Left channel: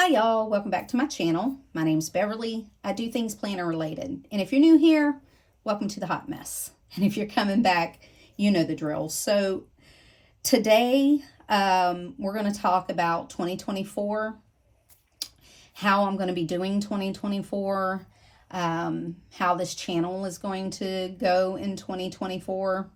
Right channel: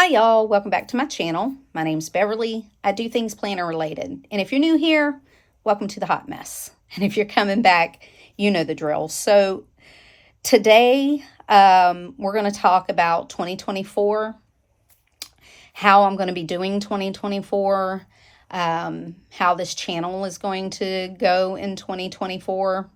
Hi y'all, welcome back to my channel. My name's Beverly. I do things planner related. And if you're new here, welcome to the hot mess. And if you're coming back, you know the drill. So today we're going to talk about 2024, how I'm going to be doing 2024, how this channel is going to go in 2024,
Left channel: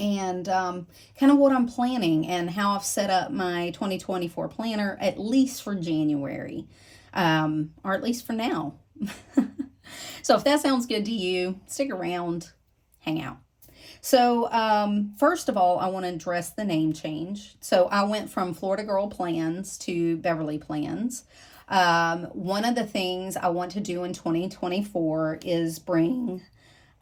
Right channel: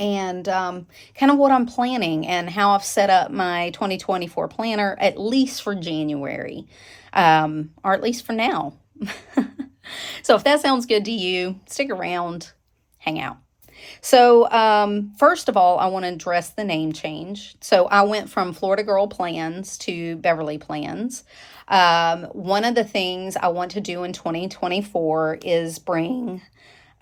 and kind of what I'm planning and how I've set up my 2024 planner, at least for January, or at least for now. So if that sounds good to you, stick around, hang out. So first of all, I want to address the name change. So I went from Florida Girl Plans to Beverly Plans. One of the things I want to do in 2024 is bring...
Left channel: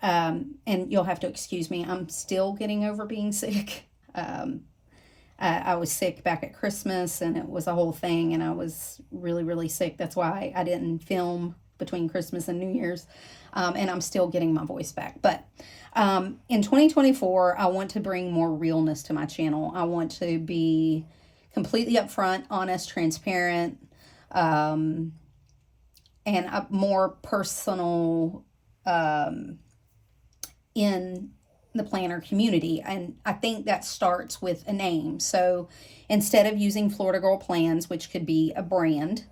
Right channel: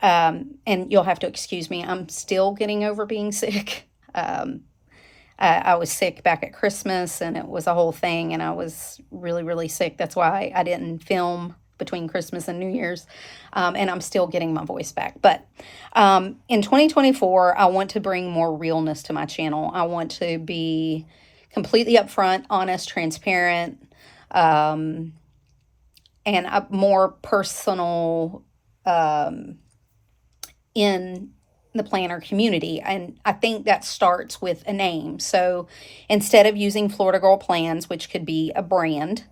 and you'll have to excuse me, I'm still getting over being sick. I was sick back at Christmas and it was a whole thing, and I was really, really sick. That's why I didn't film between Christmas and New Year's. And I'm still getting my voice back. But in 2024, I want to bring more realness to my channel. I want to be completely upfront, honest, transparent, and a more personal in the planner community. And I think that starts with a name. So instead of using Florida Girl Plans, which could be a brand,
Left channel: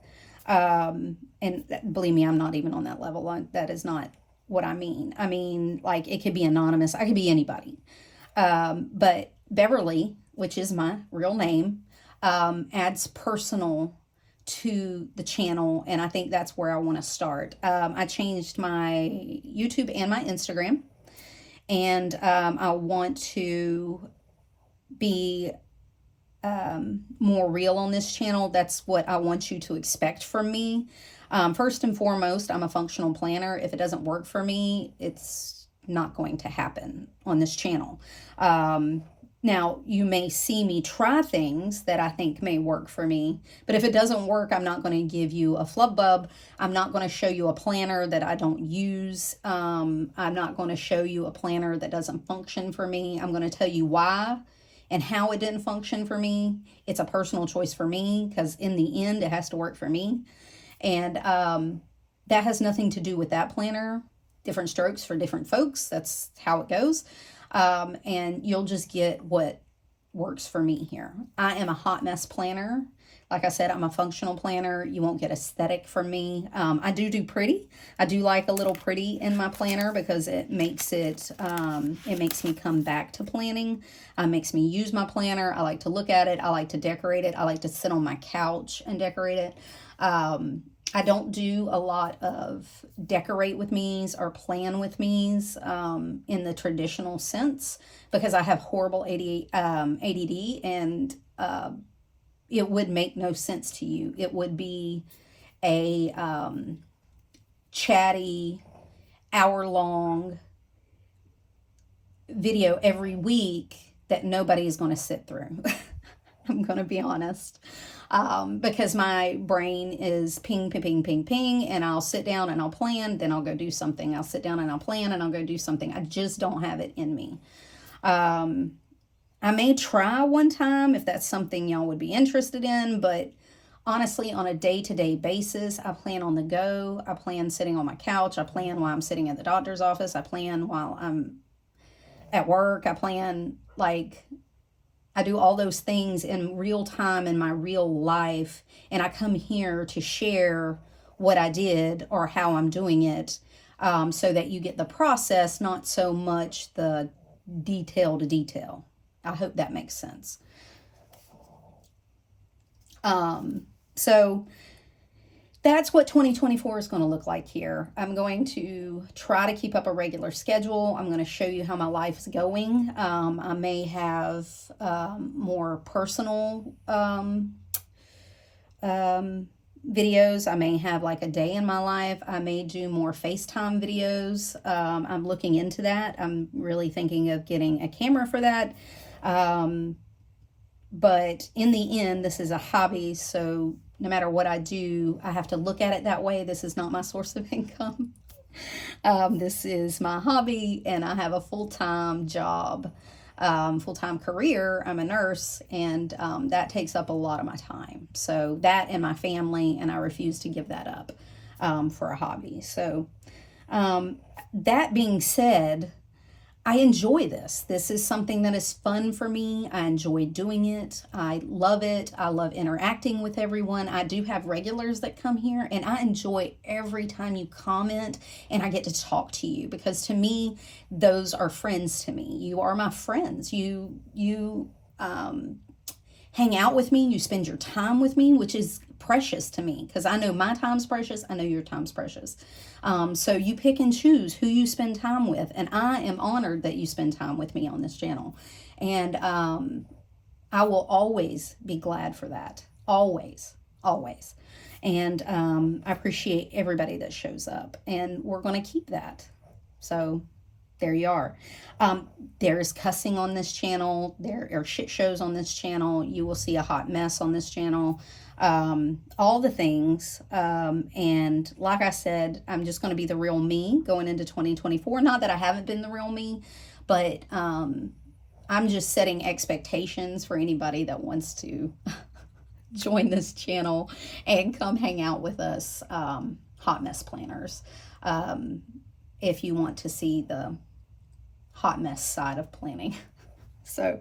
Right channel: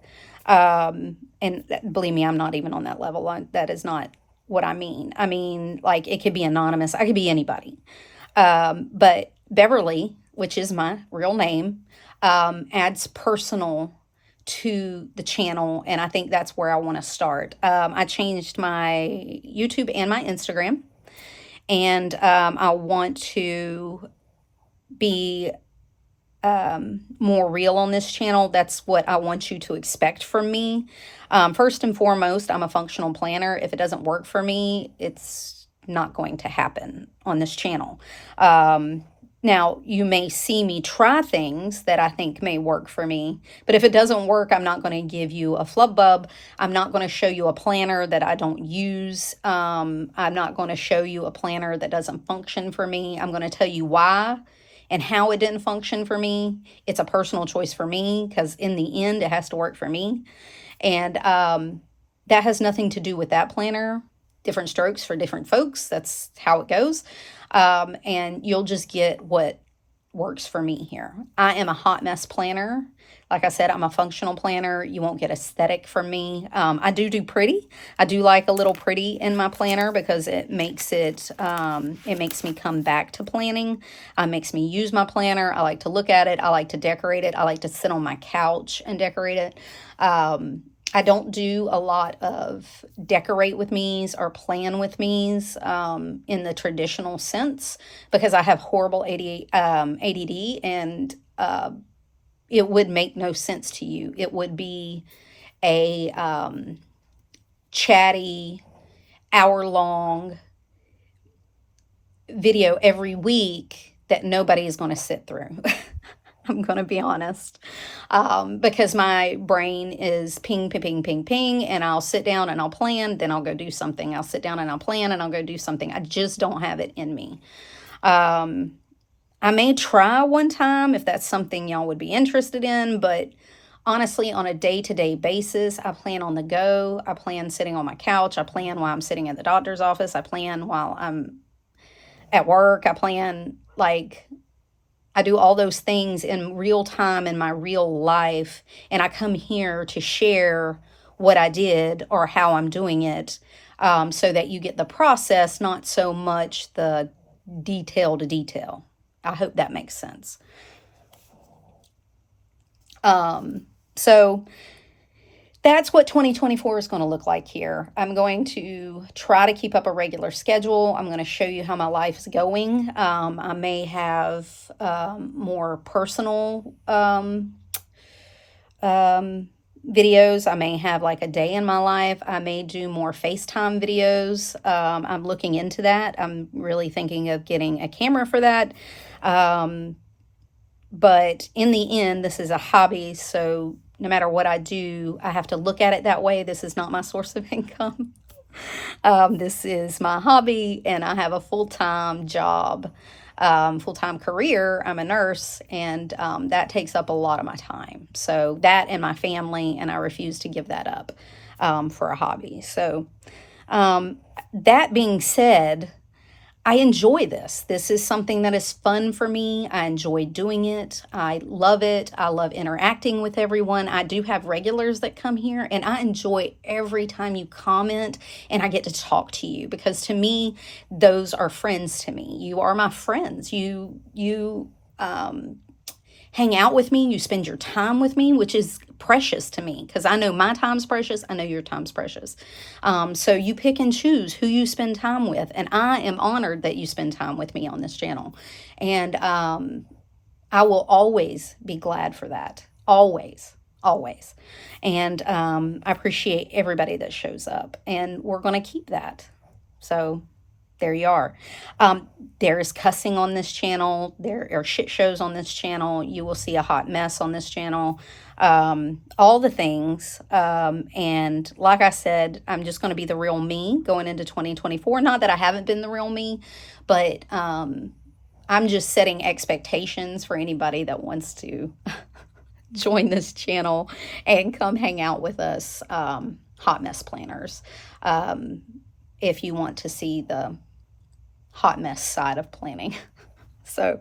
and believe me, I'm not even on that level. That is not what I mean. I mean, like, it could be anonymous. I could be anybody. But Beverly, which is my real name, adds personal to the channel. And I think that's where I want to start. I changed my YouTube and my Instagram. And I want to be more real on this channel. That's what I want you to expect from me. First and foremost, I'm a functional planner. If it doesn't work for me, it's not going to happen on this channel. Now, you may see me try things that I think may work for me, but if it doesn't work, I'm not going to give you a flub bub. I'm not going to show you a planner that I don't use. I'm not going to show you a planner that doesn't function for me. I'm going to tell you why and how it didn't function for me. It's a personal choice for me because in the end, it has to work for me. And that has nothing to do with that planner. Different strokes for different folks. That's how it goes. And you'll just get what works for me here. I am a hot mess planner. Like I said, I'm a functional planner. You won't get aesthetic from me. I do pretty. I do like a little pretty in my planner because it makes it makes me come back to planning. Makes me use my planner. I like to look at it. I like to decorate it. I like to sit on my couch and decorate it. I don't do a lot of decorate with me's or plan with me's in the traditional sense because I have horrible ADD and it would make no sense to you. It would be a chatty, hour-long video every week that nobody is going to sit through. I'm going to be honest, because my brain is ping, ping, ping, ping, ping, and I'll sit down and I'll plan, then I'll go do something. I'll sit down and I'll plan and I'll go do something. I just don't have it in me. I may try one time if that's something y'all would be interested in, but honestly, on a day-to-day basis, I plan on the go. I plan sitting on my couch. I plan while I'm sitting at the doctor's office. I plan while I'm at work. I plan, like... I do all those things in real time in my real life, and I come here to share what I did or how I'm doing it so that you get the process, not so much the detail to detail. I hope that makes sense. So that's what 2024 is going to look like here. I'm going to try to keep up a regular schedule. I'm going to show you how my life is going. I may have more personal videos. I may have like a day in my life. I may do more FaceTime videos. I'm looking into that. I'm really thinking of getting a camera for that. But in the end, this is a hobby, so no matter what I do, I have to look at it that way. This is not my source of income. This is my hobby, and I have a full-time job full-time career. I'm a nurse, and that takes up a lot of my time. So that and my family, and I refuse to give that up for a hobby. So that being said, I enjoy this. This is something that is fun for me. I enjoy doing it. I love it. I love interacting with everyone. I do have regulars that come here, and I enjoy every time you comment and I get to talk to you, because to me, those are friends to me. You are my friends. You hang out with me, you spend your time with me, which is precious to me, because I know my time's precious, I know your time's precious. So you pick and choose who you spend time with, and I am honored that you spend time with me on this channel. And I will always be glad for that. Always, always. And I appreciate everybody that shows up, and we're going to keep that. So there you are. There is cussing on this channel. There are shit shows on this channel. You will see a hot mess on this channel. All the things. And like I said, I'm just going to be the real me going into 2024. Not that I haven't been the real me, but I'm just setting expectations for anybody that wants to join this channel and come hang out with us, hot mess planners. If you want to see the hot mess side of planning. So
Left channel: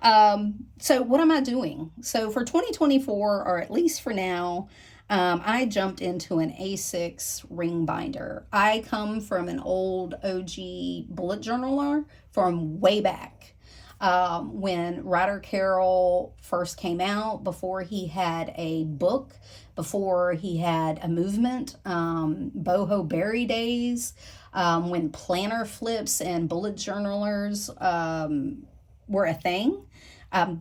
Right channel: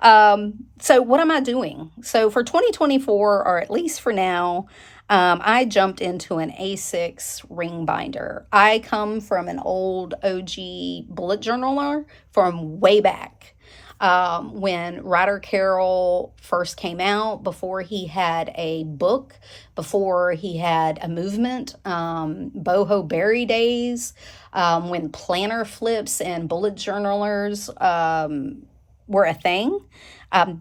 what am I doing? So for 2024, or at least for now, I jumped into an A6 ring binder. I come from an old OG bullet journaler from way back. When Ryder Carroll first came out, before he had a book, before he had a movement, boho berry days, when planner flips and bullet journalers were a thing.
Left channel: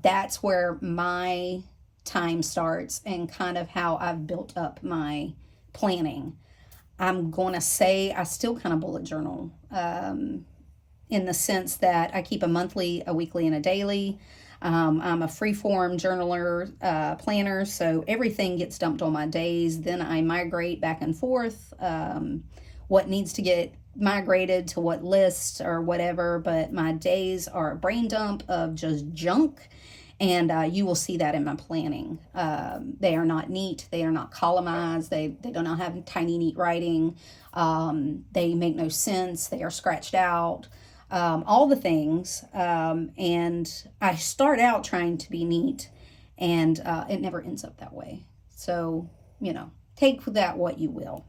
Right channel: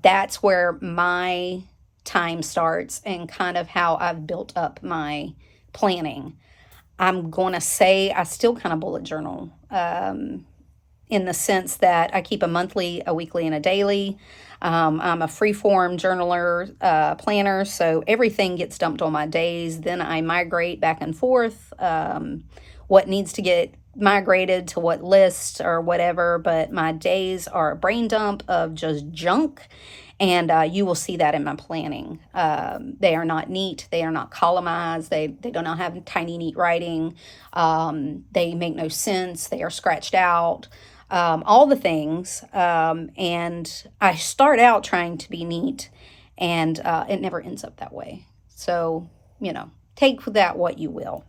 That's where my time starts, and kind of how I've built up my planning. I'm going to say I still kind of bullet journal, in the sense that I keep a monthly, a weekly, and a daily. I'm a freeform journaler, planner, so everything gets dumped on my days. Then I migrate back and forth, what needs to get migrated to what list or whatever, but my days are a brain dump of just junk, and you will see that in my planning. They are not neat. They are not columnized. They do not have tiny, neat writing. They make no sense. They are scratched out. All the things, and I start out trying to be neat, and it never ends up that way. So, take that what you will.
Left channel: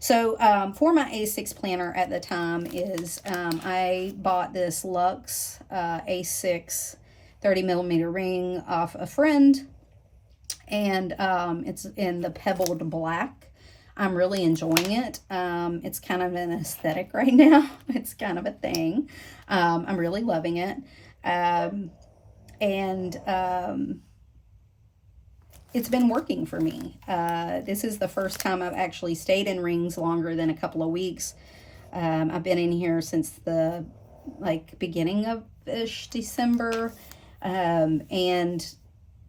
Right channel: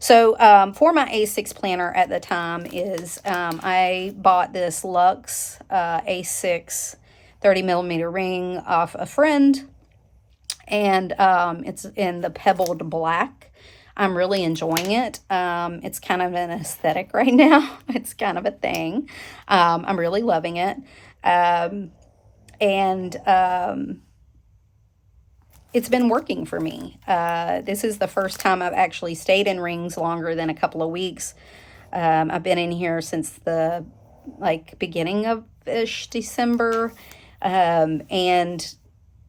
So for my A6 planner at the time is I bought this Luxe A6 30 millimeter ring off a friend, and it's in the pebbled black. I'm really enjoying it. It's kind of an aesthetic right now. It's kind of a thing. I'm really loving it. It's been working for me. This is the first time I've actually stayed in rings longer than a couple of weeks. I've been in here since the beginning of December, and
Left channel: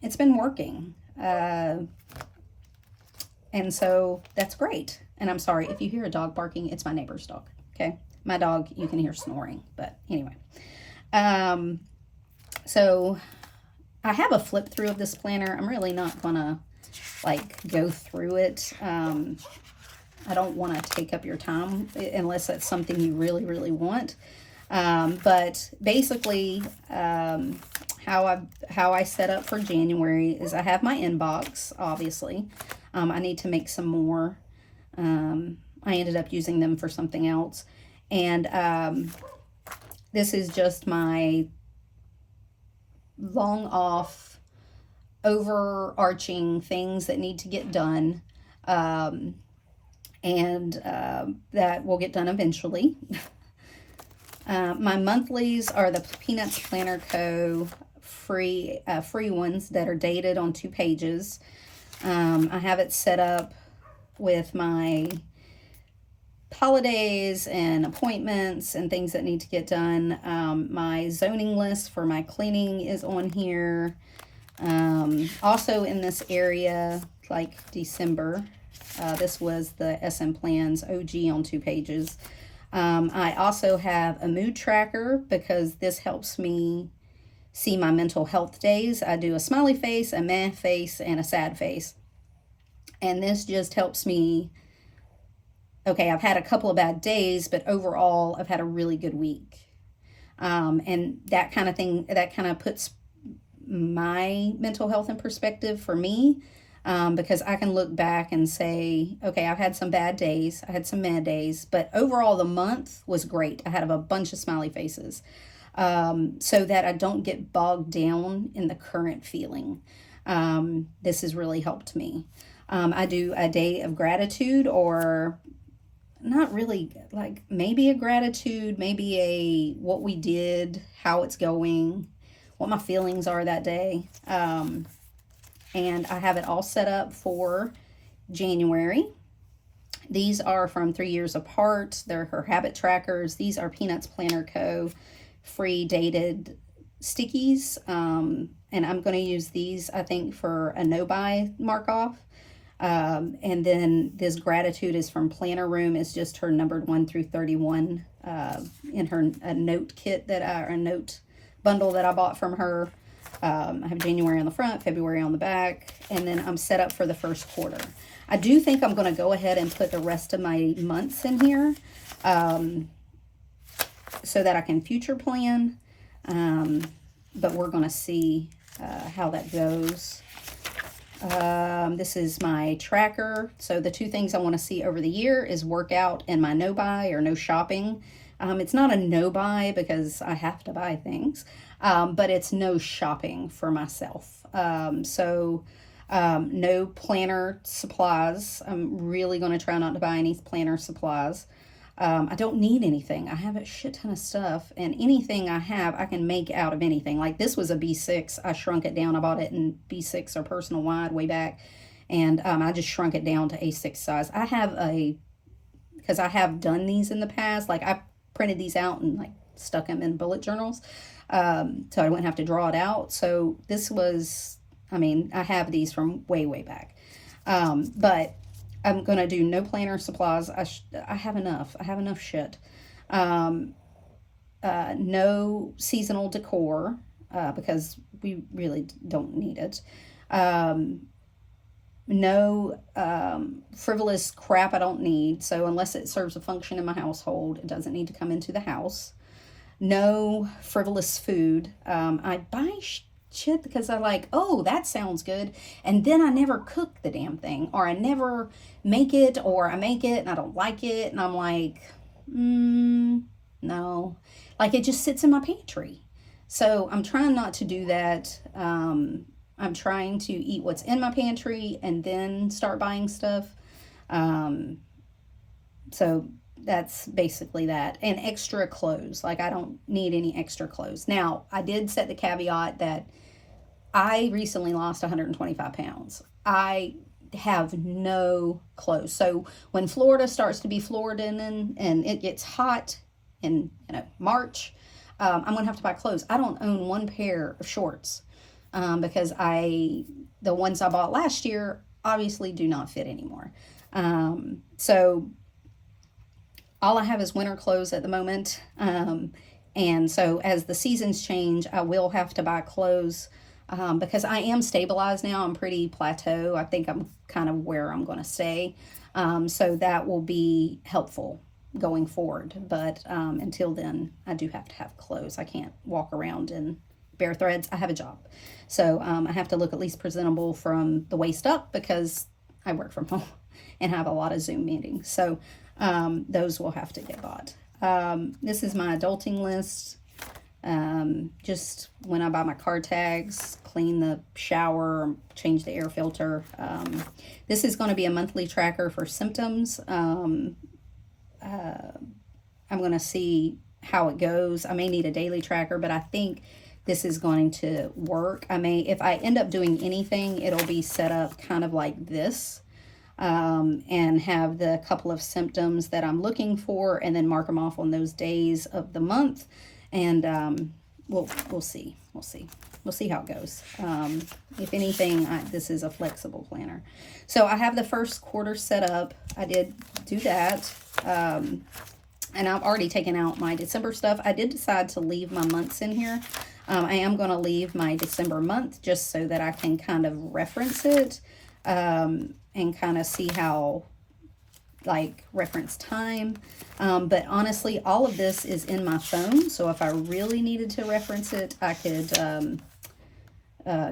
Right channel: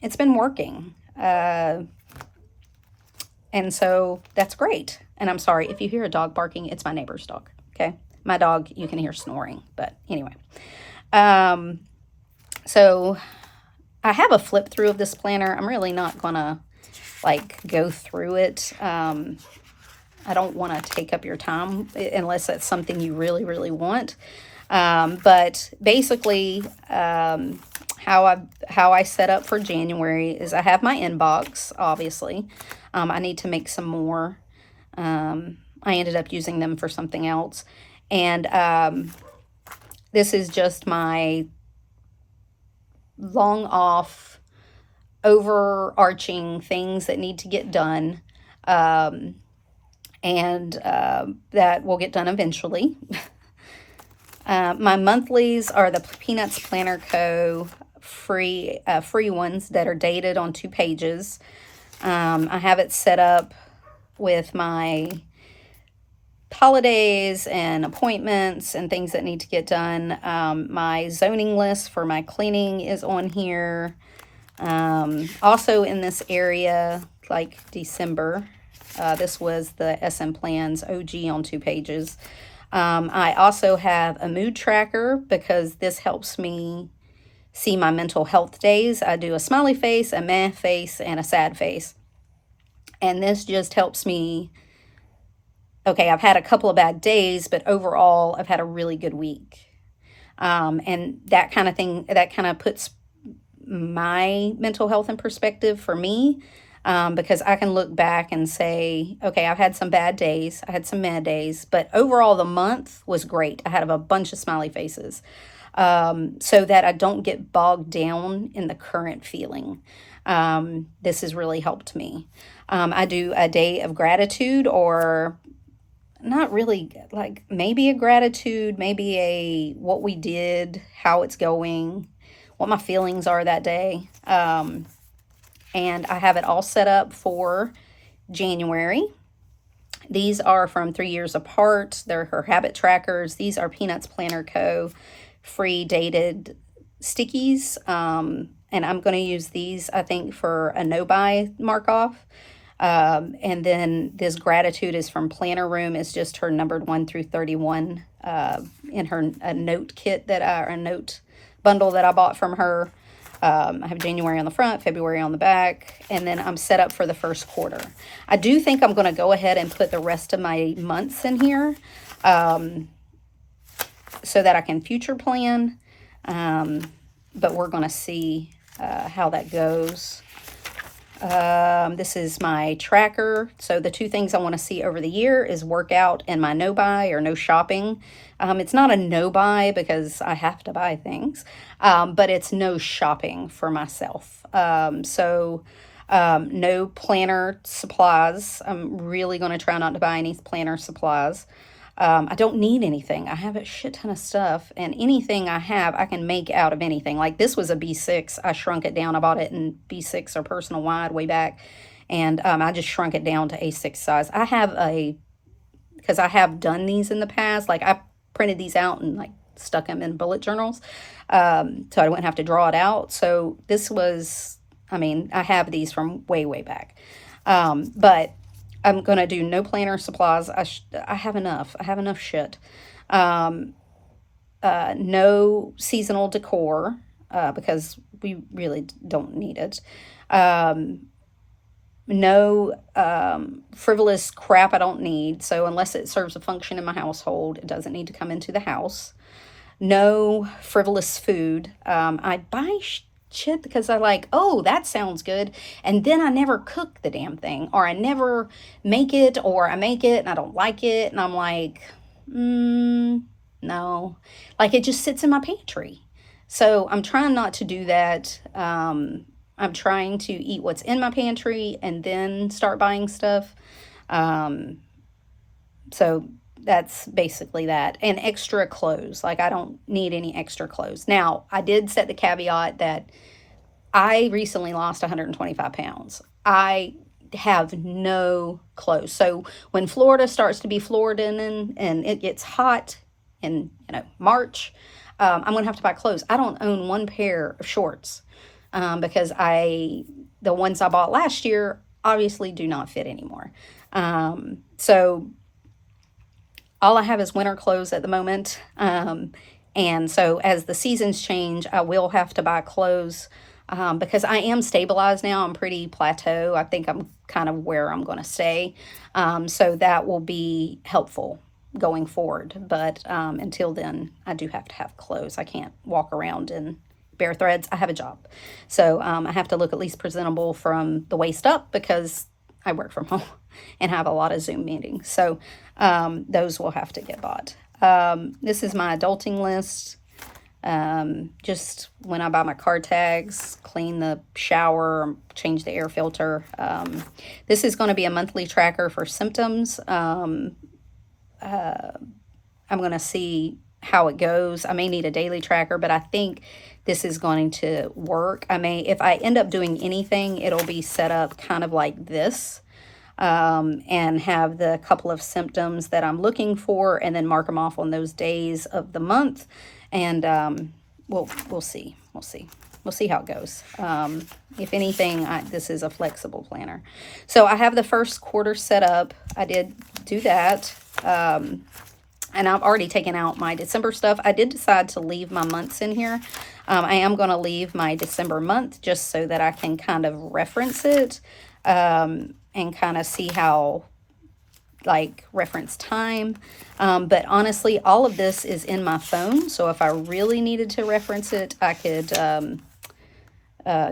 it's been working. And so that's great. And I'm sorry if you hear a dog barking, it's my neighbor's dog. Okay. My dog, you can hear snoring, but anyway. So I have a flip through of this planner. I'm really not gonna go through it. I don't want to take up your time unless that's something you really, really want. But basically, how I set up for January is I have my inbox, obviously. I need to make some more. I ended up using them for something else. And this is just my long off, overarching things that need to get done. And that will get done eventually. My monthlies are the Peanuts Planner Co. free ones that are dated on 2 pages. I have it set up with my holidays and appointments and things that need to get done. My zoning list for my cleaning is on here. Also in this area, December, this was the SMPlans OG on 2 pages. I also have a mood tracker because this helps me see my mental health days. I do a smiley face, a meh face, and a sad face. And this just helps me. Okay, I've had a couple of bad days, but overall, I've had a really good week. And that kind of thing, that kind of puts my mental health in perspective for me, because I can look back and say, okay, I've had some bad days, I had some mad days, but overall the month was great. I had a bunch of smiley faces, so that I don't get bogged down in the current feeling. This has really helped me. I do a day of gratitude, or not really, like maybe a gratitude, maybe a what we did, how it's going, what my feelings are that day. And I have it all set up for January. These are from 3 years apart. They're her habit trackers. These are Peanuts Planner Co. free dated stickies. And I'm going to use these, I think, for a no-buy mark-off. And then this gratitude is from Planner Room. It's just her numbered 1 through 31 in her a note kit a note bundle that I bought from her. I have January on the front, February on the back, and then I'm set up for the first quarter. I do think I'm going to go ahead and put the rest of my months in here, so that I can future plan. But we're going to see how that goes. This is my tracker. So the two things I want to see over the year is workout and my no buy or no shopping. It's not a no buy because I have to buy things, but it's no shopping for myself. No planner supplies. I'm really going to try not to buy any planner supplies. I don't need anything. I have a shit ton of stuff, and anything I have, I can make out of anything. Like this was a B6. I shrunk it down. I bought it in B6 or personal wide way back, and I just shrunk it down to A6 size. Because I have done these in the past. Like I printed these out and like stuck them in bullet journals, so I wouldn't have to draw it out. So this was, I have these from way, way back, but I'm going to do no planner supplies. I have enough. I have enough shit. No seasonal decor, because we really don't need it. No frivolous crap I don't need. So unless it serves a function in my household, it doesn't need to come into the house. No frivolous food. I buy shit because I like, oh, that sounds good, and then I never cook the damn thing, or I never make it, or I make it and I don't like it, and I'm like, no, like it just sits in my pantry. So I'm trying not to do that. I'm trying to eat what's in my pantry and then start buying stuff. So that's basically that. And extra clothes. Like I don't need any extra clothes. Now, I did set the caveat that I recently lost 125 pounds. I have no clothes. So when Florida starts to be Floridan and it gets hot in March, I'm going to have to buy clothes. I don't own one pair of shorts, because the ones I bought last year obviously do not fit anymore. So all I have is winter clothes at the moment. And so as the seasons change, I will have to buy clothes, because I am stabilized now. I'm pretty plateau. I think I'm kind of where I'm going to stay. So that will be helpful going forward. But until then, I do have to have clothes. I can't walk around in bare threads. I have a job. So I have to look at least presentable from the waist up, because I work from home and have a lot of Zoom meetings. So those will have to get bought. This is my adulting list. Just when I buy my car tags, clean the shower, change the air filter. This is going to be a monthly tracker for symptoms. I'm going to see how it goes. I may need a daily tracker, but I think this is going to work. If I end up doing anything, it'll be set up kind of like this, and have the couple of symptoms that I'm looking for, and then mark them off on those days of the month. And we'll see. We'll see how it goes. If anything, this is a flexible planner. So I have the first quarter set up. I did do that. And I've already taken out my December stuff. I did decide to leave my months in here. I am going to leave my December month just so that I can kind of reference it and kind of see how, like, reference time. But honestly, all of this is in my phone. So if I really needed to reference it, I could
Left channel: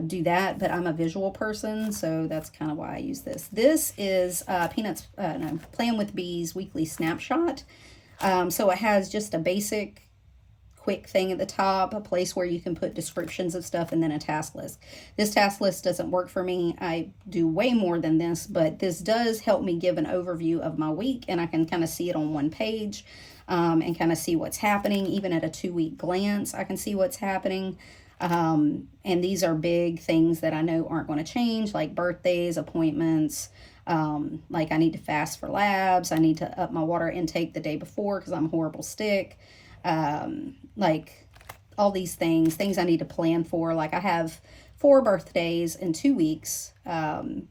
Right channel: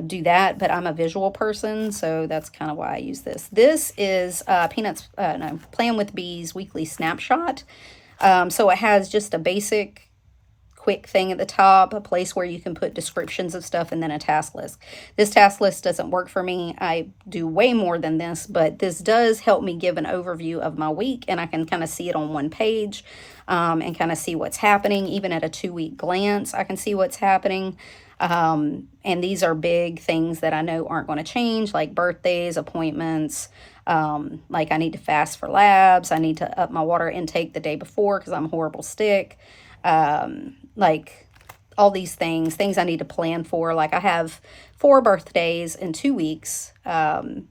do that. But I'm a visual person, so that's kind of why I use this. This is Plan with Bees Weekly Snapshot. So it has just a basic quick thing at the top, a place where you can put descriptions of stuff, and then a task list. This task list doesn't work for me. I do way more than this, but this does help me give an overview of my week, and I can kind of see it on one page and kind of see what's happening. Even at a 2-week glance, I can see what's happening. And these are big things that I know aren't going to change, like birthdays, appointments. Like I need to fast for labs. I need to up my water intake the day before because I'm a horrible stick. Like all these things I need to plan for. Like I have 4 birthdays in 2 weeks, and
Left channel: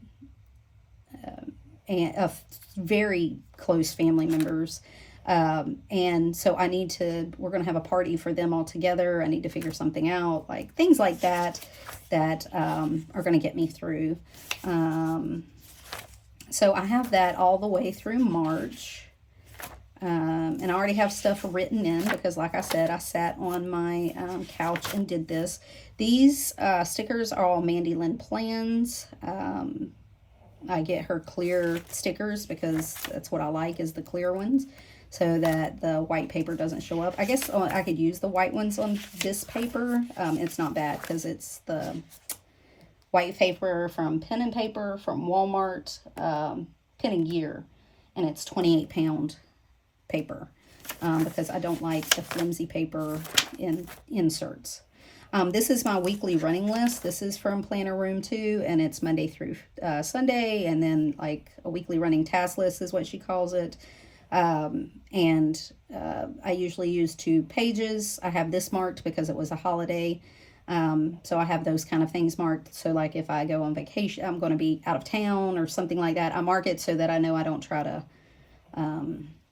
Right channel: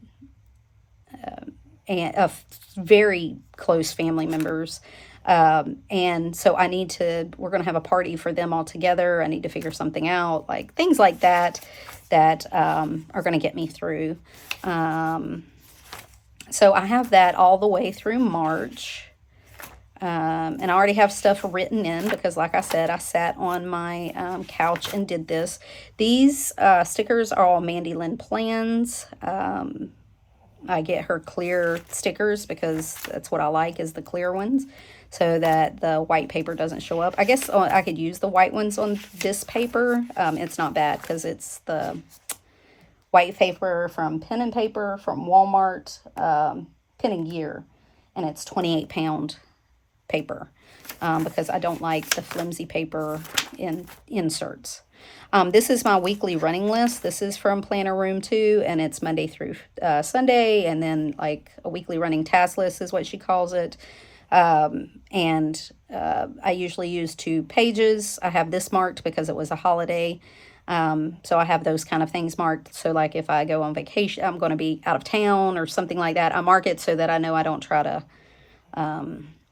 of very close family members. And so we're going to have a party for them all together. I need to figure something out, like things like that are going to get me through. So I have that all the way through March. And I already have stuff written in because, like I said, I sat on my couch and did this. These stickers are all MandyLynnPlans. I get her clear stickers because that's what I like, is the clear ones, so that the white paper doesn't show up. I guess I could use the white ones on this paper. It's not bad because it's the white paper from Pen and Paper from Walmart, Pen and Gear, and it's 28-pound paper because I don't like the flimsy paper in inserts. This is my weekly running list. This is from Planner Room 2, and it's Monday through Sunday, and then like a weekly running task list is what she calls it. And I usually use 2 pages. I have this marked because it was a holiday. So I have those kind of things marked. So like if I go on vacation, I'm going to be out of town or something like that, I mark it so that I know I don't try to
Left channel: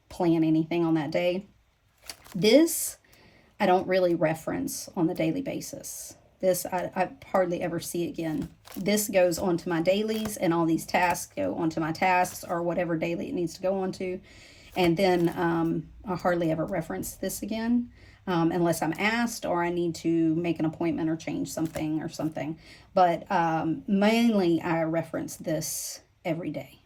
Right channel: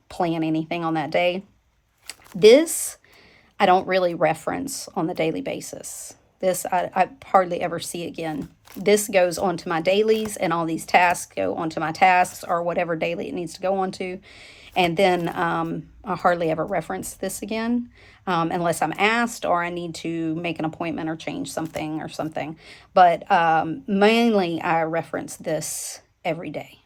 plan anything on that day. This I don't really reference on the daily basis. This I hardly ever see again. This goes onto my dailies, and all these tasks go onto my tasks or whatever daily it needs to go onto. And then I hardly ever reference this again unless I'm asked or I need to make an appointment or change something or something. But mainly I reference this every day.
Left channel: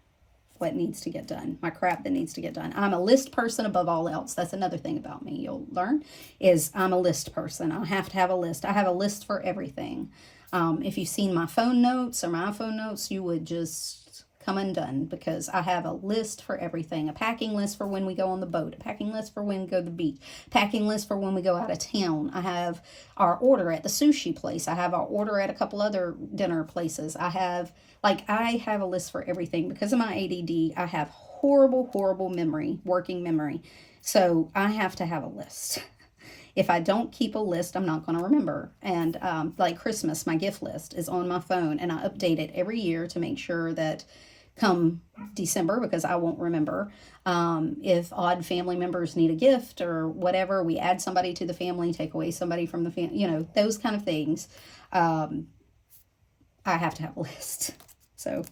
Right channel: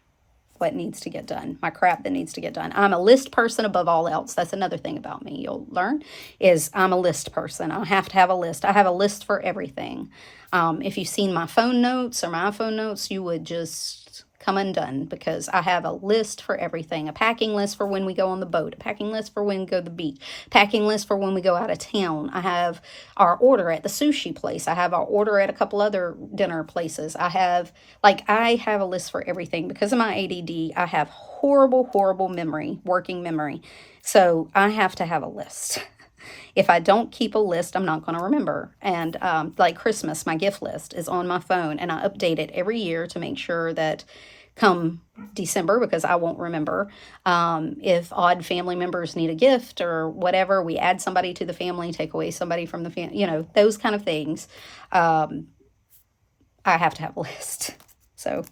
What needs to get done, my crap that needs to get done. I'm a list person above all else. That's another thing about me you'll learn, is I'm a list person. I have to have a list. I have a list for everything. If you've seen my phone notes or my iPhone notes, you would just come undone, because I have a list for everything. A packing list for when we go on the boat, a packing list for when we go to the beach, packing list for when we go out of town. I have our order at the sushi place. I have our order at a couple other dinner places. I have a list for everything. Because of my ADD, I have horrible memory, working memory. So I have to have a list. If I don't keep a list, I'm not going to remember. And like Christmas, my gift list is on my phone, and I update it every year to make sure that come December, because I won't remember, if odd family members need a gift or whatever, we add somebody to the family, take away somebody from the family, those kind of things. I have to have a list. So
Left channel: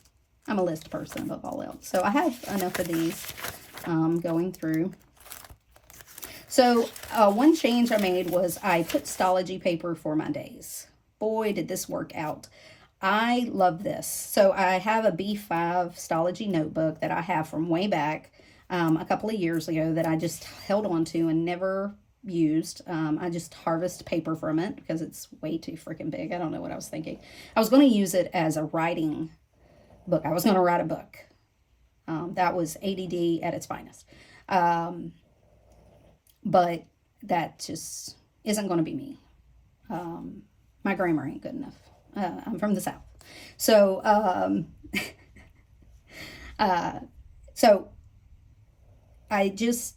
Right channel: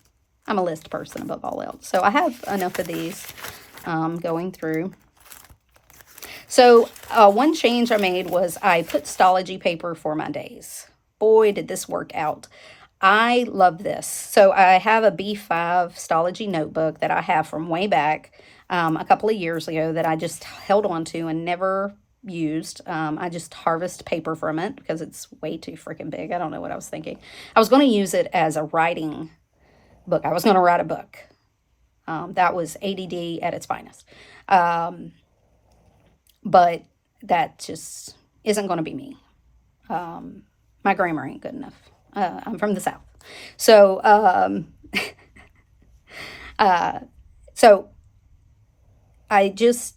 I'm a list person above all else. So I have enough of these going through. So one change I made was I put Stalogy paper for my days. Boy, did this work out. I love this. So I have a B5 Stalogy notebook that I have from way back a couple of years ago that I just held on to and never used. I just harvest paper from it because it's way too freaking big. I don't know what I was thinking. I was going to use it as a writing book. I was going to write a book. That was ADD at its finest. But that just isn't going to be me. My grammar ain't good enough. I'm from the South. So, so I'm just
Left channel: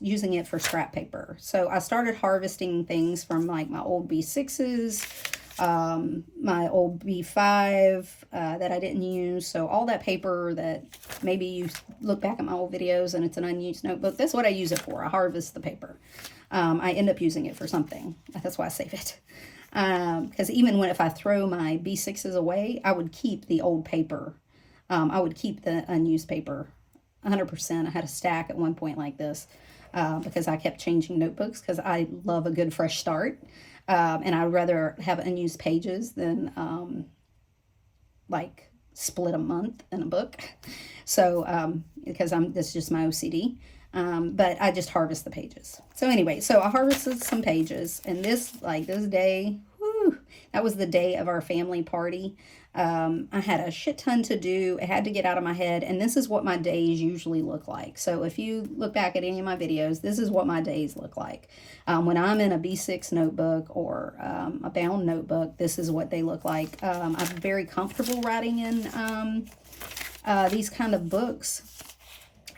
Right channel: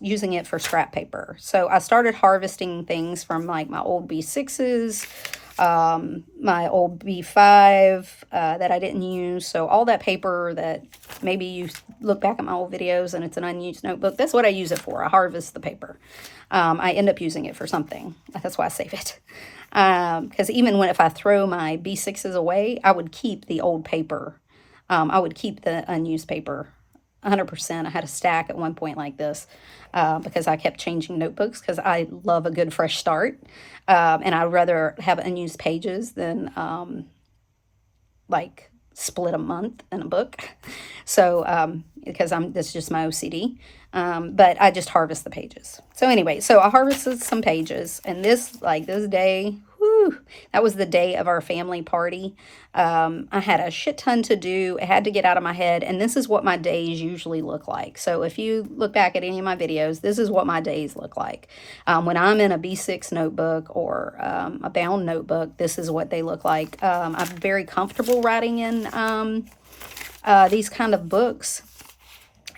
using it for scrap paper. So I started harvesting things from like my old B6s, my old B5 that I didn't use. So all that paper that maybe you look back at my old videos and it's an unused notebook, that's what I use it for. I harvest the paper. I end up using it for something. That's why I save it. Because even if I throw my B6s away, I would keep the old paper. I would keep the unused paper 100%. I had a stack at one point like this because I kept changing notebooks because I love a good fresh start. And I'd rather have unused pages than like split a month in a book. So because that's just my OCD. But I just harvest the pages. So anyway, so I harvested some pages, and this day, whew, that was the day of our family party. I had a shit ton to do. It had to get out of my head, and this is what my days usually look like. So if you look back at any of my videos, this is what my days look like. When I'm in a B6 notebook or a bound notebook, this is what they look like. I'm very comfortable writing in these kind of books,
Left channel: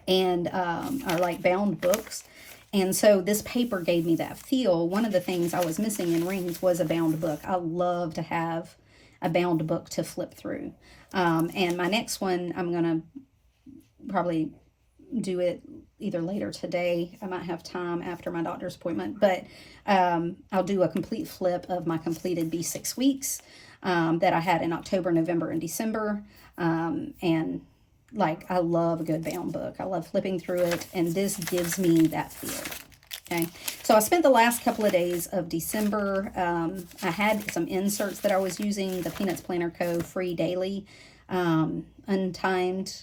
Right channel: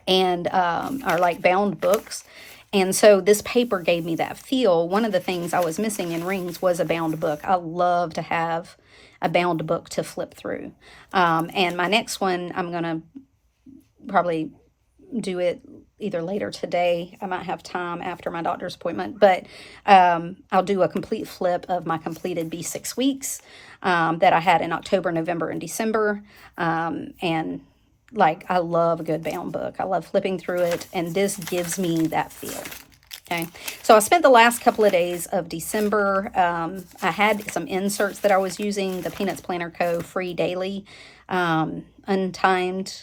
and are like bound books. And so this paper gave me that feel. One of the things I was missing in Rings was a bound book. I love to have a bound book to flip through. And my next one, I'm going to probably do it either later today. I might have time after my doctor's appointment, but I'll do a complete flip of my completed B6 weeks that I had in October, November, and December. And like, I love a good bound book. I love flipping through it, and this gives me that feel. Okay, so I spent the last couple of days of December. I had some inserts that I was using, the Peanuts Planner Co. free daily, untimed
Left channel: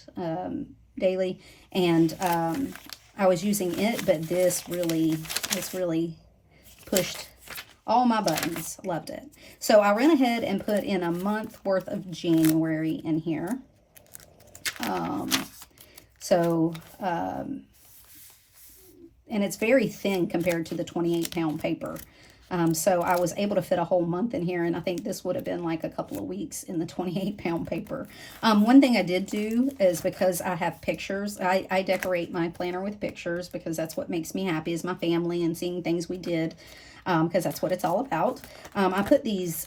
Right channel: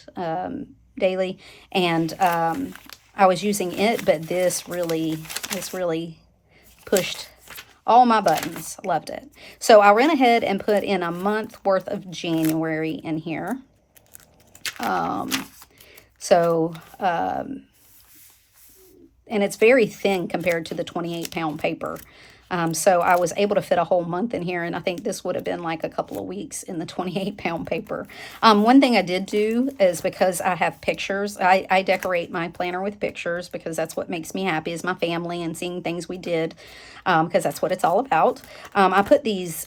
daily, and I was using it, but this really pushed all my buttons. Loved it. So I ran ahead and put in a month worth of January in here. And it's very thin compared to the 28-pound paper. So I was able to fit a whole month in here, and I think this would have been like a couple of weeks in the 28-pound paper. One thing I did do is, because I have pictures, I decorate my planner with pictures because that's what makes me happy, is my family and seeing things we did, because that's what it's all about. I put these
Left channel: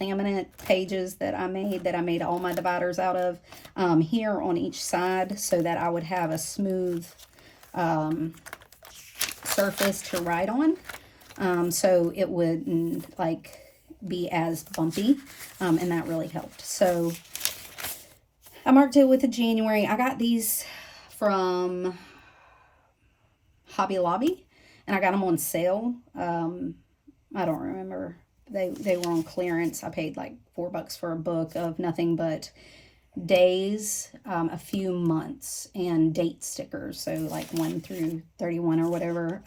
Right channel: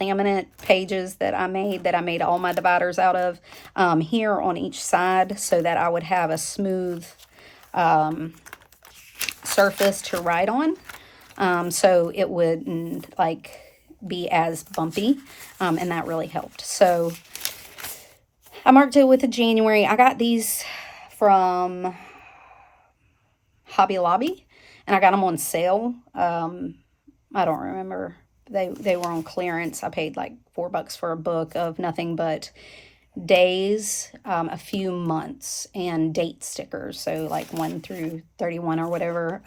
laminate pages that I made all my dividers out of here on each side, so that I would have a smooth surface to write on, so it wouldn't like be as bumpy, and that really helped. So I marked it with a January. I got these from Hobby Lobby, and I got them on sale. I don't remember. They were on clearance. I paid like $4 for a book of nothing but days, a few months, and date stickers. So like 1 through 31 or whatever.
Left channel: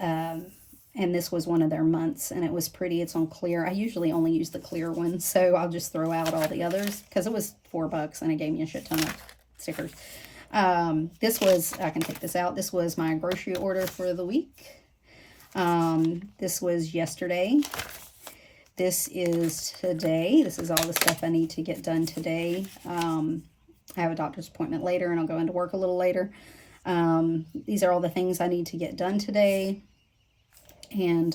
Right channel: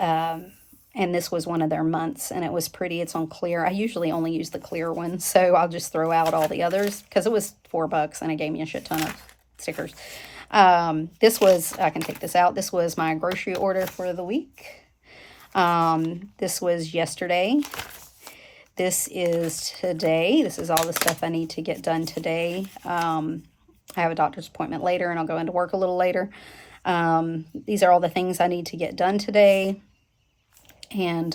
And this was one of their months, and it was pretty. It's on clear. I usually only use the clear one, so I'll just throw out all the others because it was $4 and it gave me a shit ton of stickers. This was, I can take this out. This was my grocery order for the week. This was yesterday. This is today. This is all the stuff I need to get done today. I have a doctor's appointment later, and I'll go into work a little later. These are all the things I need to get done today. And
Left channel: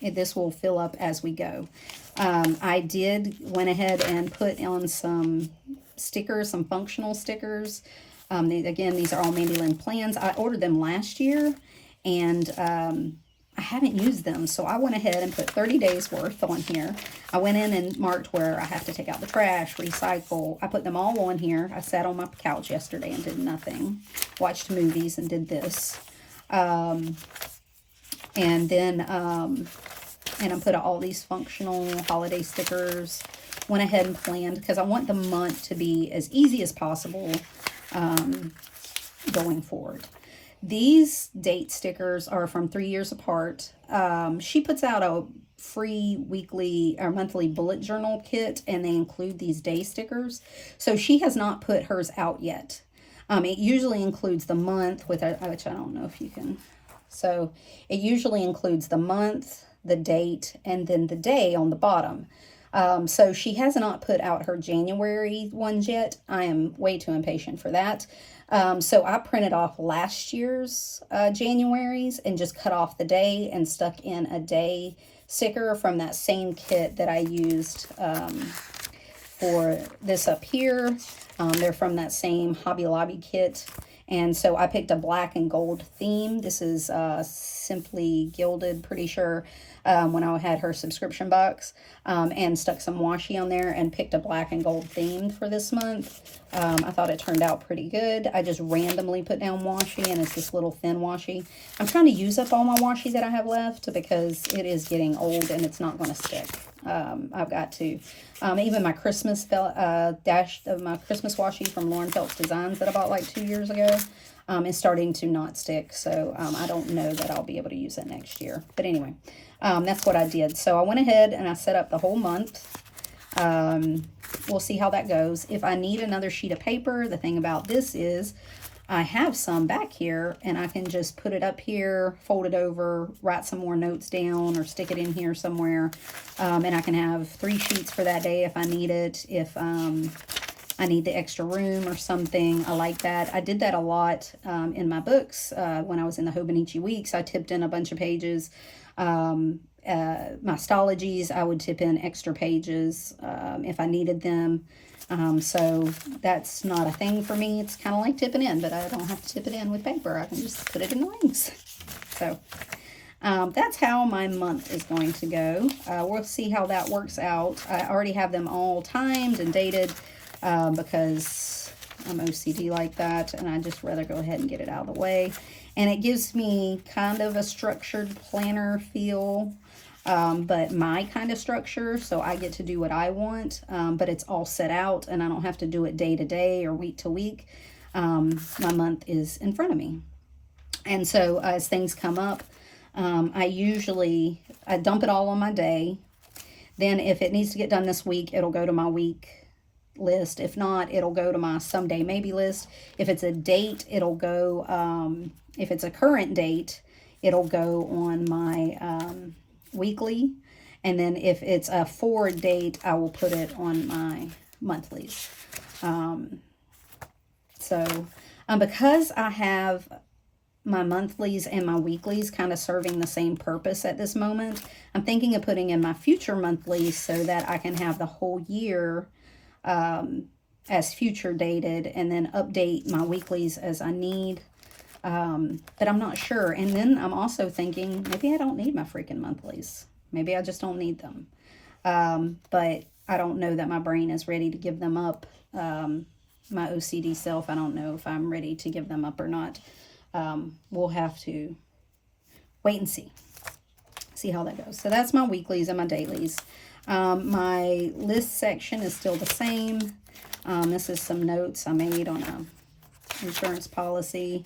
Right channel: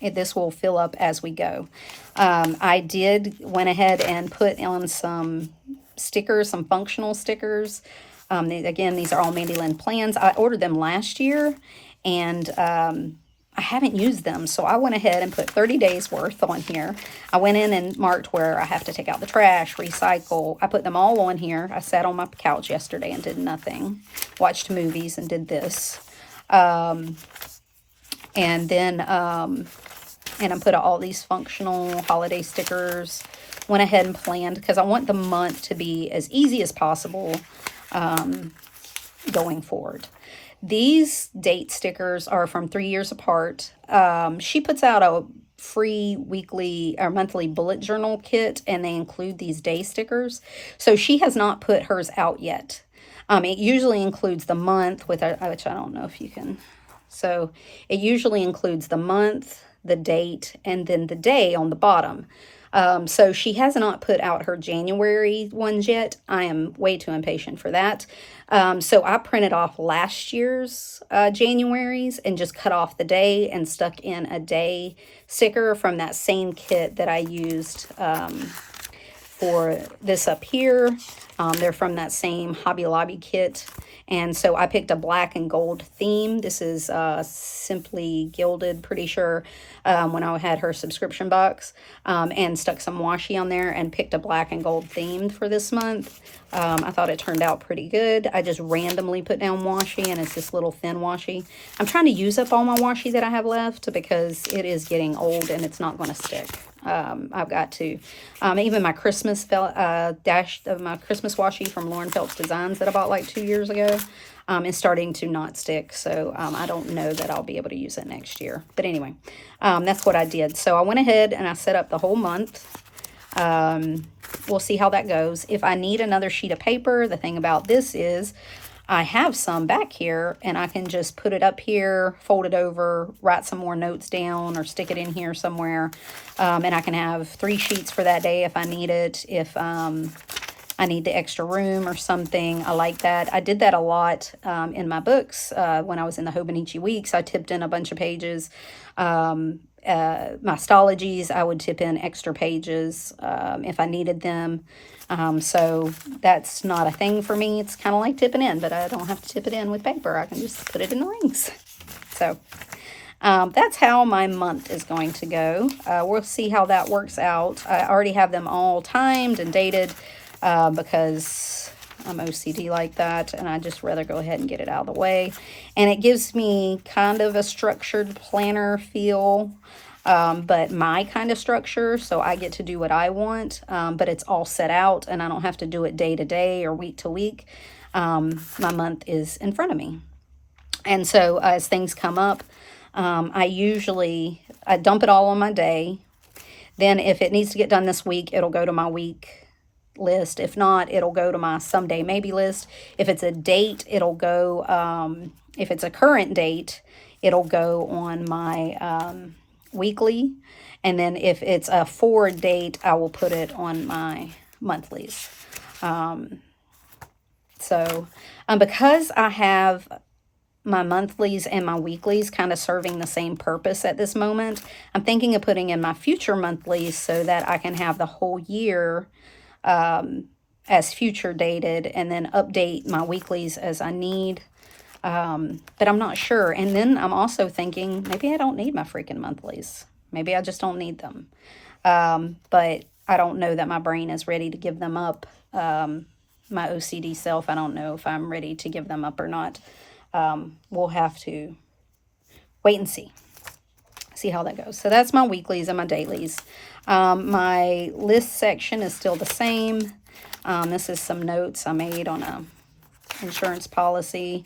this will fill up as we go. I went ahead and put on some stickers, some functional stickers. Again, these are all MandyLynnPlans. I ordered them last year, and I haven't used them, so I went ahead and put 30 days worth on here. I went in and marked where I have to take out the trash, recycle. I put them all on here. I sat on my couch yesterday and did nothing. Watched movies and did this. And then I put all these functional holiday stickers. Went ahead and planned, because I want the month to be as easy as possible going forward. These date stickers are from 3 years apart. She puts out a free weekly or monthly bullet journal kit, and they include these day stickers. So she has not put hers out yet. It usually includes the month, which I don't know if you can. So it usually includes the month, the date, and then the day on the bottom. So she has not put out her January ones yet. I am way too impatient for that. So I printed off last year's January's and just cut off the day and stuck in a day sticker from that same kit that I used for this up here. They're from that same Hobby Lobby kit. And so I picked a black and gold theme. This is Simply Gilded, pretty sure, when I had her subscription box, and stuck some washi on there and picked a black and gold theme for this month. I thought it turned out pretty good. I just randomly put down washi, and it's this little thin washi. I'm trying to use up all my washi that I have left because it is getting old and it's not going to stick. I've got to, even my Christmas dash of my Christmas washi from Phelps Designs that I bought like 2 years ago, is starting to not stick. So, I don't know that I'll be able to use it next year. But anyway, that's what I did. So I went ahead and I set up the whole month. We'll see how that goes. If I need another sheet of paper, the thing about this is I have some back here, and I can just put it up here, fold it over, write some more notes down, or stick it in here somewhere. And I can have 3 sheets for that day if I need it, if I need the extra room or something. I like that. I did that a lot in my books. When I was in the Hobonichi weeks, I tipped in a bunch of pages. My Stalogies, I would tip in extra pages if I needed them. So that's not a thing for me. It's kind of like tipping in, but I don't have to tip it in with paper. I can just put it in the rings. So that's how my month is going to go. We'll see how that works out. I already have them all timed and dated because I'm OCD like that, and I just rather go ahead and get it out of the way. And it gives me kind of a structured planner feel. But my kind of structure, so I get to do what I want, but it's all set out, and I don't have to do it day to day or week to week. My month is in front of me. And so as things come up, I dump it all on my day. Then if it needs to get done this week, it'll go to my week list. If not, it'll go to my someday maybe list. If it's a date, it'll go, if it's a current date, it'll go on my weekly, and then if it's a forward date, I will put it on my monthlies. Because I have my monthlies and my weeklies kind of serving the same purpose at this moment, I'm thinking of putting in my future monthlies so that I can have the whole year as future dated, and then update my weeklies as I need. But I'm not sure. And then I'm also thinking, maybe I don't need my freaking monthlies. Maybe I just don't need them. But I don't know that my brain is ready to give them up. My OCD self, I don't know if I'm ready to give them up or not. We'll have to wait and see how that goes. So that's my weeklies and my dailies. My list section is still the same. This is some notes I made on a insurance policy.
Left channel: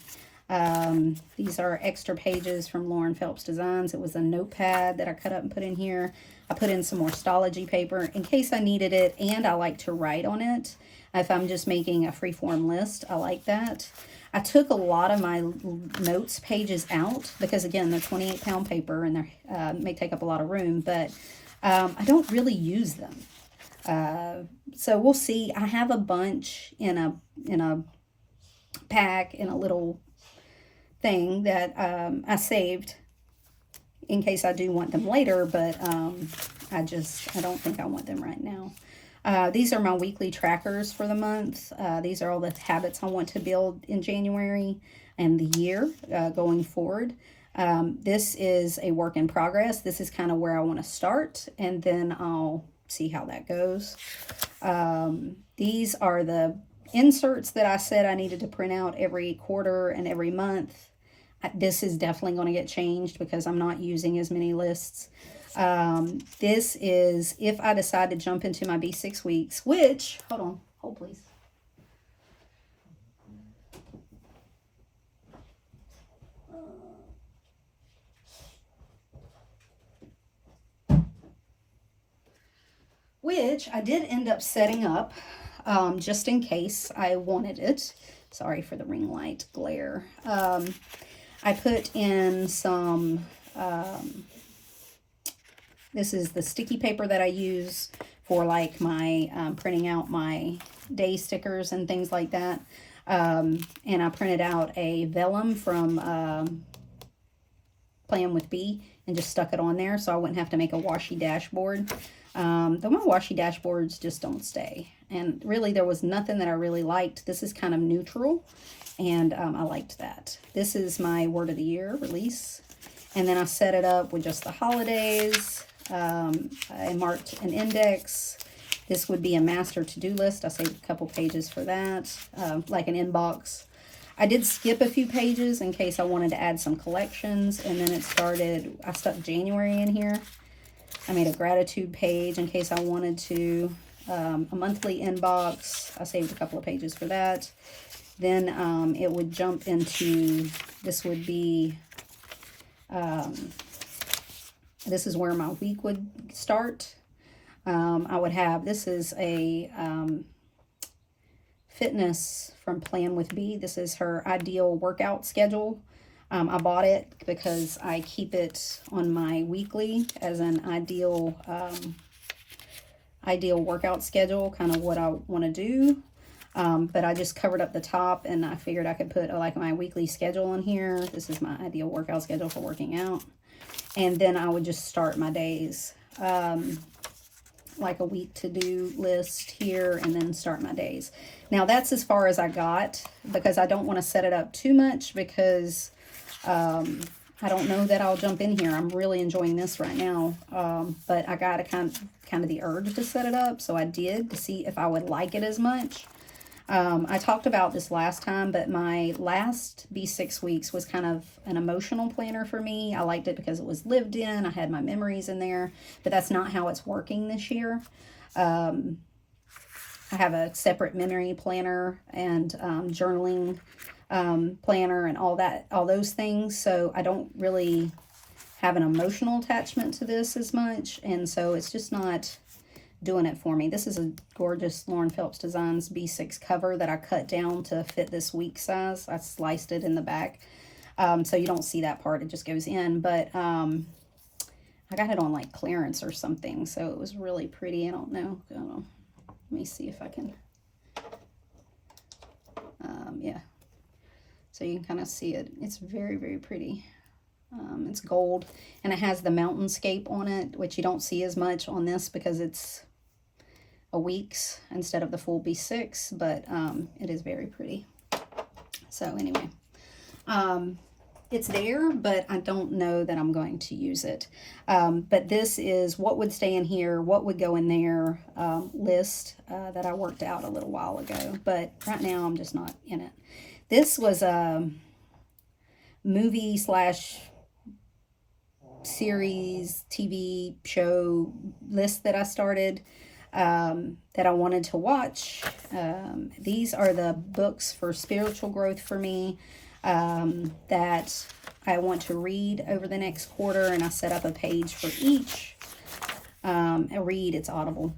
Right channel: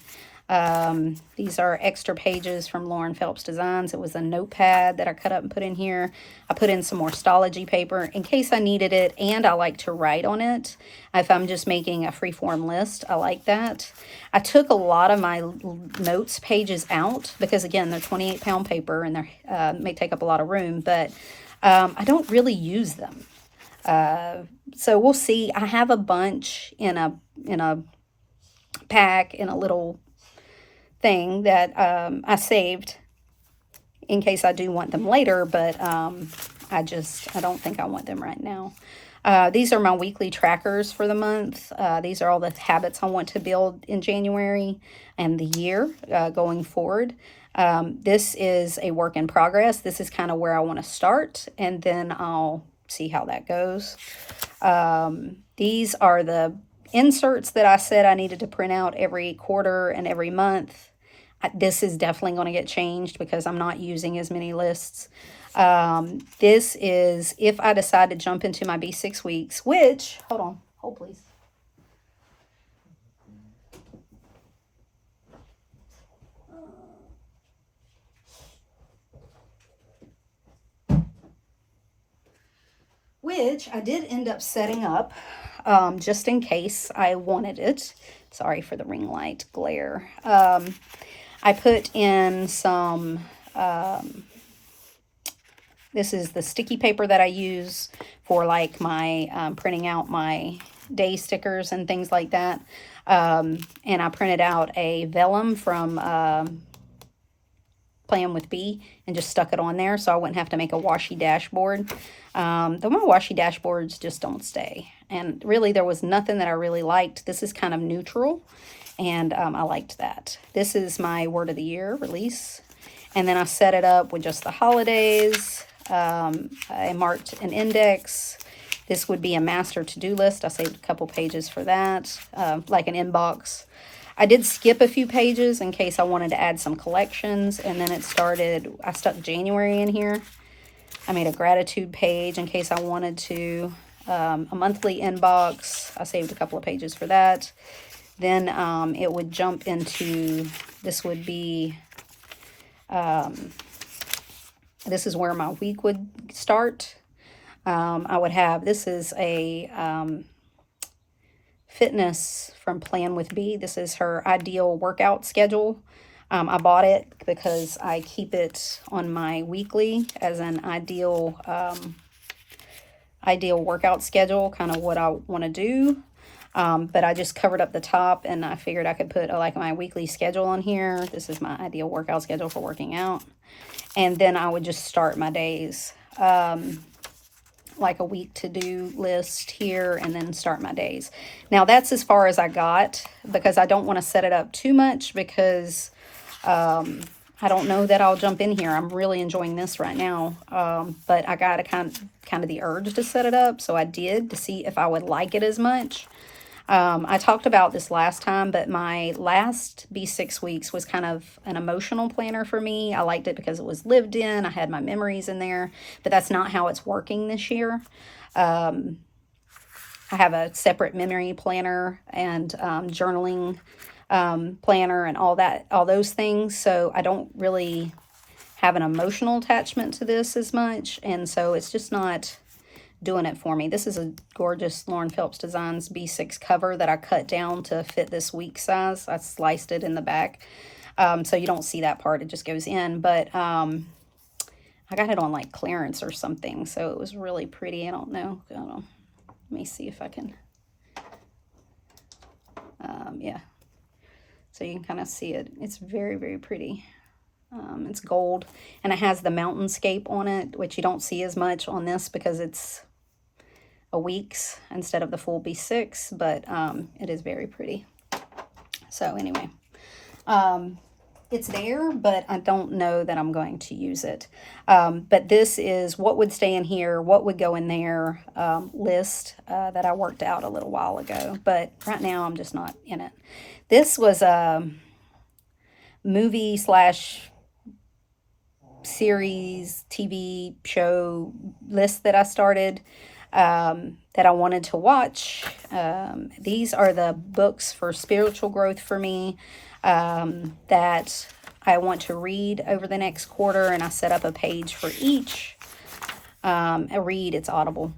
These are extra pages from Phelps Designs. It was a notepad that I cut up and put in here. I put in some more Stalogy paper in case I needed it, and I like to write on it. If I'm just making a freeform list, I like that. I took a lot of my notes pages out because, again, they're 28-pound paper and they may take up a lot of room, but I don't really use them. So we'll see. I have a bunch in a pack in a little thing that I saved in case I do want them later, but I don't think I want them right now. These are my weekly trackers for the month. These are all the habits I want to build in January and the year going forward. This is a work in progress. This is kind of where I want to start, and then I'll see how that goes. These are the inserts that I said I needed to print out every quarter and every month. This is definitely going to get changed because I'm not using as many lists. This is if I decide to jump into my B6 weeks, which, hold please. Which I did end up setting up just in case I wanted it. Sorry for the ring light glare. I put in some, this is the sticky paper that I use for like my printing out my day stickers and things like that. And I printed out a vellum from Plan with B and just stuck it on there so I wouldn't have to make a washi dashboard. Though my washi dashboards just don't stay. And really there was nothing that I really liked. This is kind of neutral, and I liked that. This is my word of the year release. And then I set it up with just the holidays. I marked an index. This would be a master to-do list. I saved a couple pages for that, like an inbox. I did skip a few pages in case I wanted to add some collections, and then it started, I stuck January in here. I made a gratitude page in case I wanted to, a monthly inbox. I saved a couple of pages for that. Then it would jump into, this would be, this is where my week would start. I would have, this is a fitness from Plan with B. This is her ideal workout schedule. I bought it because I keep it on my weekly as an ideal workout schedule, kind of what I want to do. But I just covered up the top, and I figured I could put like my weekly schedule on here. This is my ideal workout schedule for working out. And then I would just start my days, like a week to-do list here, and then start my days. Now that's as far as I got, because I don't want to set it up too much, because I don't know that I'll jump in here. I'm really enjoying this right now, but I got a kind of the urge to set it up, so I did, to see if I would like it as much. I talked about this last time, but my last B6 weeks was kind of an emotional planner for me. I liked it because it was lived in. I had my memories in there, but that's not how it's working this year. I have a separate memory planner and journaling planner and all those things. So I don't really have an emotional attachment to this as much. And so it's just not doing it for me. This is a gorgeous Lauren Phelps Designs B6 cover that I cut down to fit this week size. I sliced it in the back. So you don't see that part. It just goes in. But I got it on like clearance or something. So it was really pretty. I don't know. Let me see if I can. Yeah. So you can kind of see it. It's very, very pretty. It's gold, and it has the mountainscape on it, which you don't see as much on this because it's a week's instead of the full B6, but it is very pretty. So anyway, it's there, but I don't know that I'm going to use it. But this is what would stay in here, what would go in there list that I worked out a little while ago, but right now I'm just not in it. This was a movie / series, TV show list that I started that I wanted to watch. These are the books for spiritual growth for me that I want to read over the next quarter, and I set up a page for each. I read, it's Audible.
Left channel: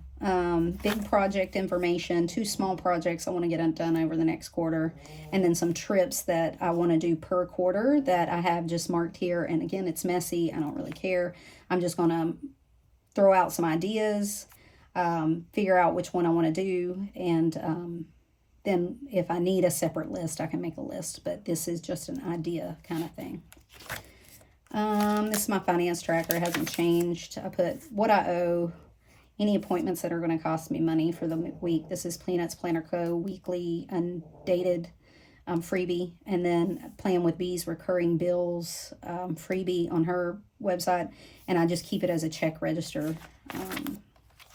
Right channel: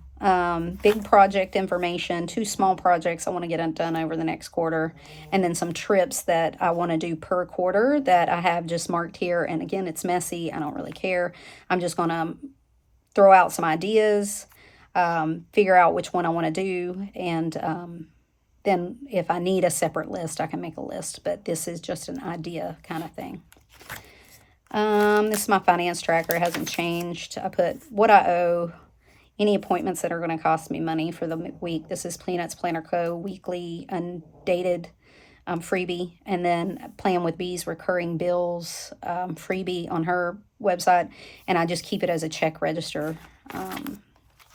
Big project information, 2 small projects I want to get done over the next quarter, and then some trips that I want to do per quarter that I have just marked here. And again, it's messy. I don't really care. I'm just going to throw out some ideas, figure out which one I want to do, and then if I need a separate list, I can make a list. But this is just an idea kind of thing. This is my finance tracker. It hasn't changed. I put what I owe, any appointments that are going to cost me money for the week. This is Peanuts Planner Co. weekly undated freebie. And then Plan with B's recurring bills freebie on her website. And I just keep it as a check register.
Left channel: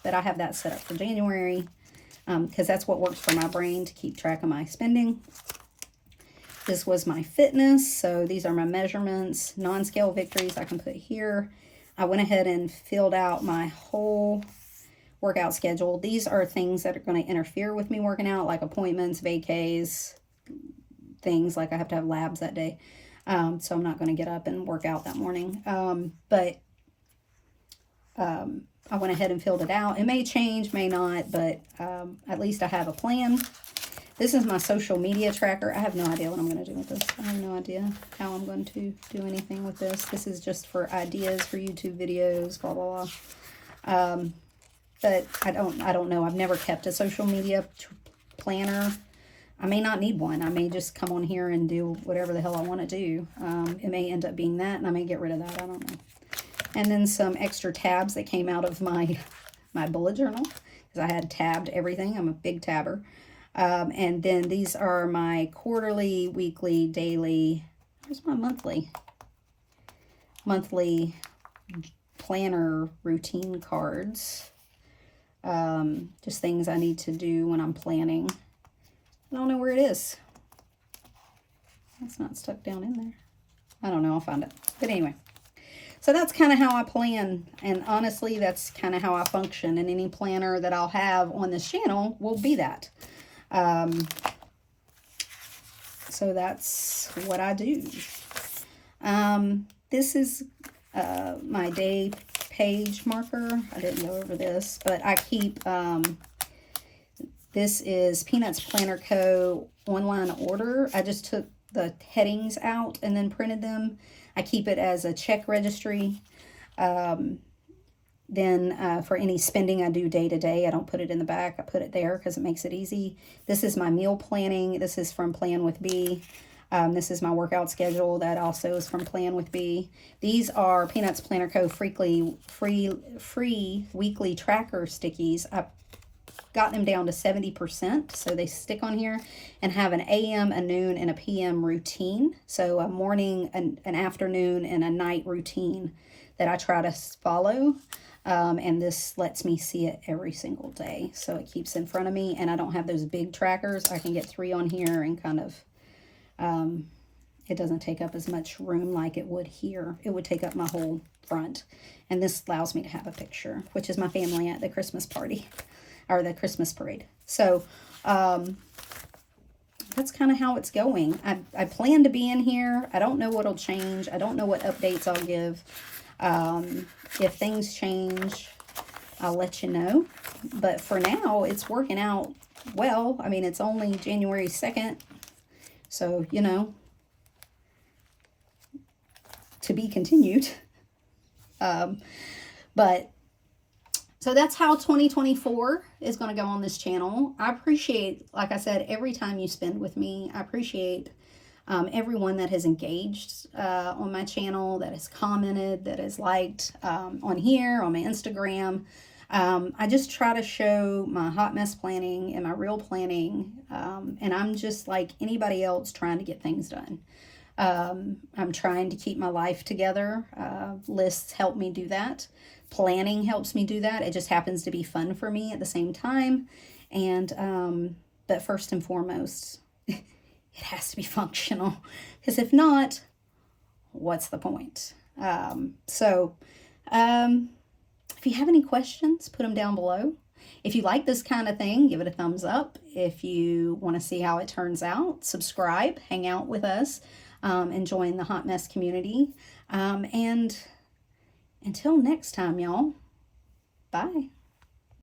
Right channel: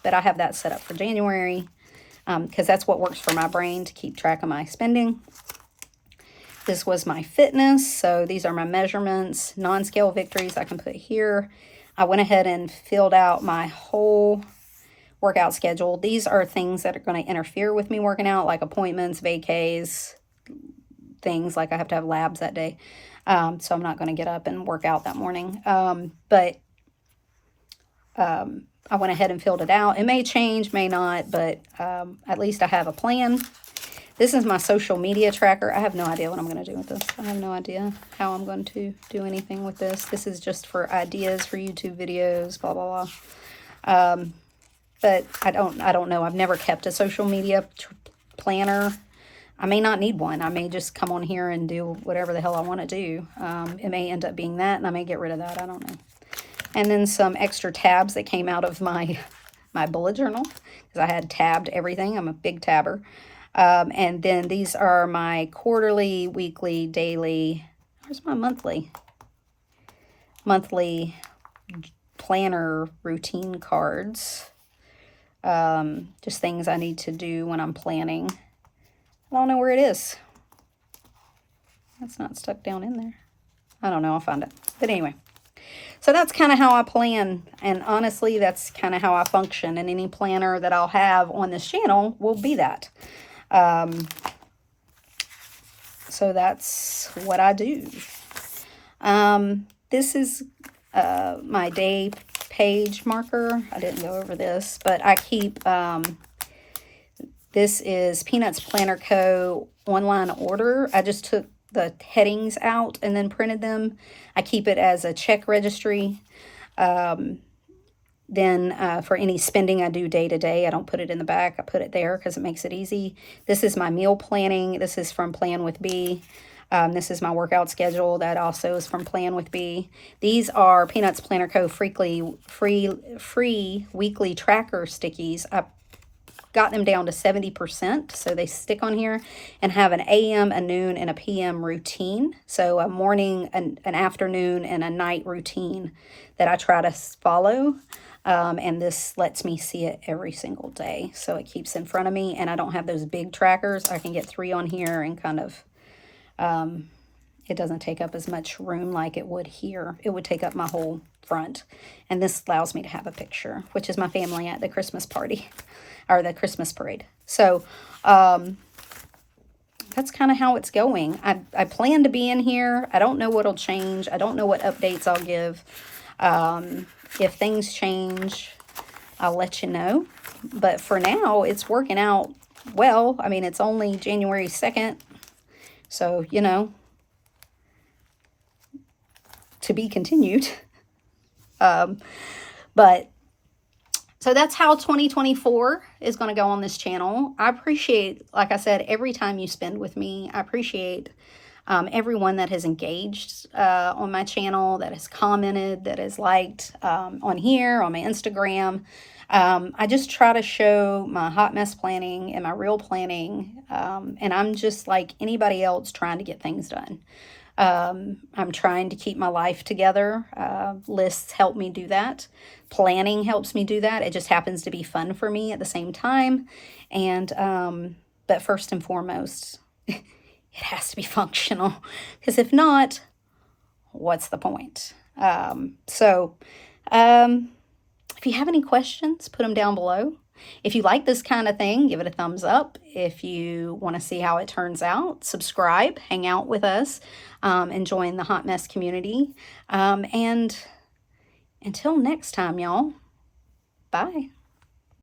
But I have that set up for January because that's what works for my brain to keep track of my spending. This was my fitness. So these are my measurements, non-scale victories I can put here. I went ahead and filled out my whole workout schedule. These are things that are going to interfere with me working out, like appointments, vacays, things like I have to have labs that day. So I'm not going to get up and work out that morning. But I went ahead and filled it out. It may change, may not, but at least I have a plan. This is my social media tracker. I have no idea what I'm going to do with this. I have no idea how I'm going to do anything with this. This is just for ideas for YouTube videos, blah, blah, blah. But I don't know. I've never kept a social media planner. I may not need one. I may just come on here and do whatever the hell I want to do. It may end up being that, and I may get rid of that. I don't know. And then some extra tabs that came out of my bullet journal, because I had tabbed everything. I'm a big tabber. And then these are my quarterly, weekly, daily. Where's my monthly planner routine cards. Just things I need to do when I'm planning. I don't know where it is. That's not stuck down in there. I don't know. I'll find it. But anyway, so that's kind of how I plan. And honestly, that's kind of how I function. And any planner that I'll have on this channel will be that. So that's what I do. This is my day page marker. I didn't go over this, but I keep, this is Peanuts Planner Co. online order. I just took the headings out and then printed them. I keep it as a check registry. Then for any spending I do day to day, I don't put it in the back. I put it there because it makes it easy. This is my meal planning. This is from Plan with B. This is my workout schedule. That also is from Plan with B. These are Peanuts Planner Co. free weekly tracker stickies. I got them down to 70%, so they stick on here and have an AM, a noon, and a PM routine. So a morning, an afternoon, and a night routine that I try to follow. And this lets me see it every single day. So it keeps in front of me, and I don't have those big trackers. I can get 3 on here and kind of, it doesn't take up as much room like it would here. It would take up my whole front. And this allows me to have a picture, which is my family at the Christmas party or the Christmas parade. So, that's kind of how it's going. I plan to be in here. I don't know what'll change. I don't know what updates I'll give. If things change, I'll let you know. But for now, it's working out well. I mean, it's only January 2nd. So, you know, to be continued. But so that's how 2024 is going to go on this channel. I appreciate, like I said, every time you spend with me. I appreciate everyone that has engaged on my channel, that has commented, that has liked on here, on my Instagram. I just try to show my hot mess planning and my real planning, and I'm just like anybody else trying to get things done. I'm trying to keep my life together. Lists help me do that. Planning helps me do that. It just happens to be fun for me at the same time. And, but first and foremost, it has to be functional, because if not, what's the point? If you have any questions, put them down below. If you like this kind of thing, give it a thumbs up. If you want to see how it turns out, subscribe, hang out with us, and join the hot mess community. And until next time, y'all, bye.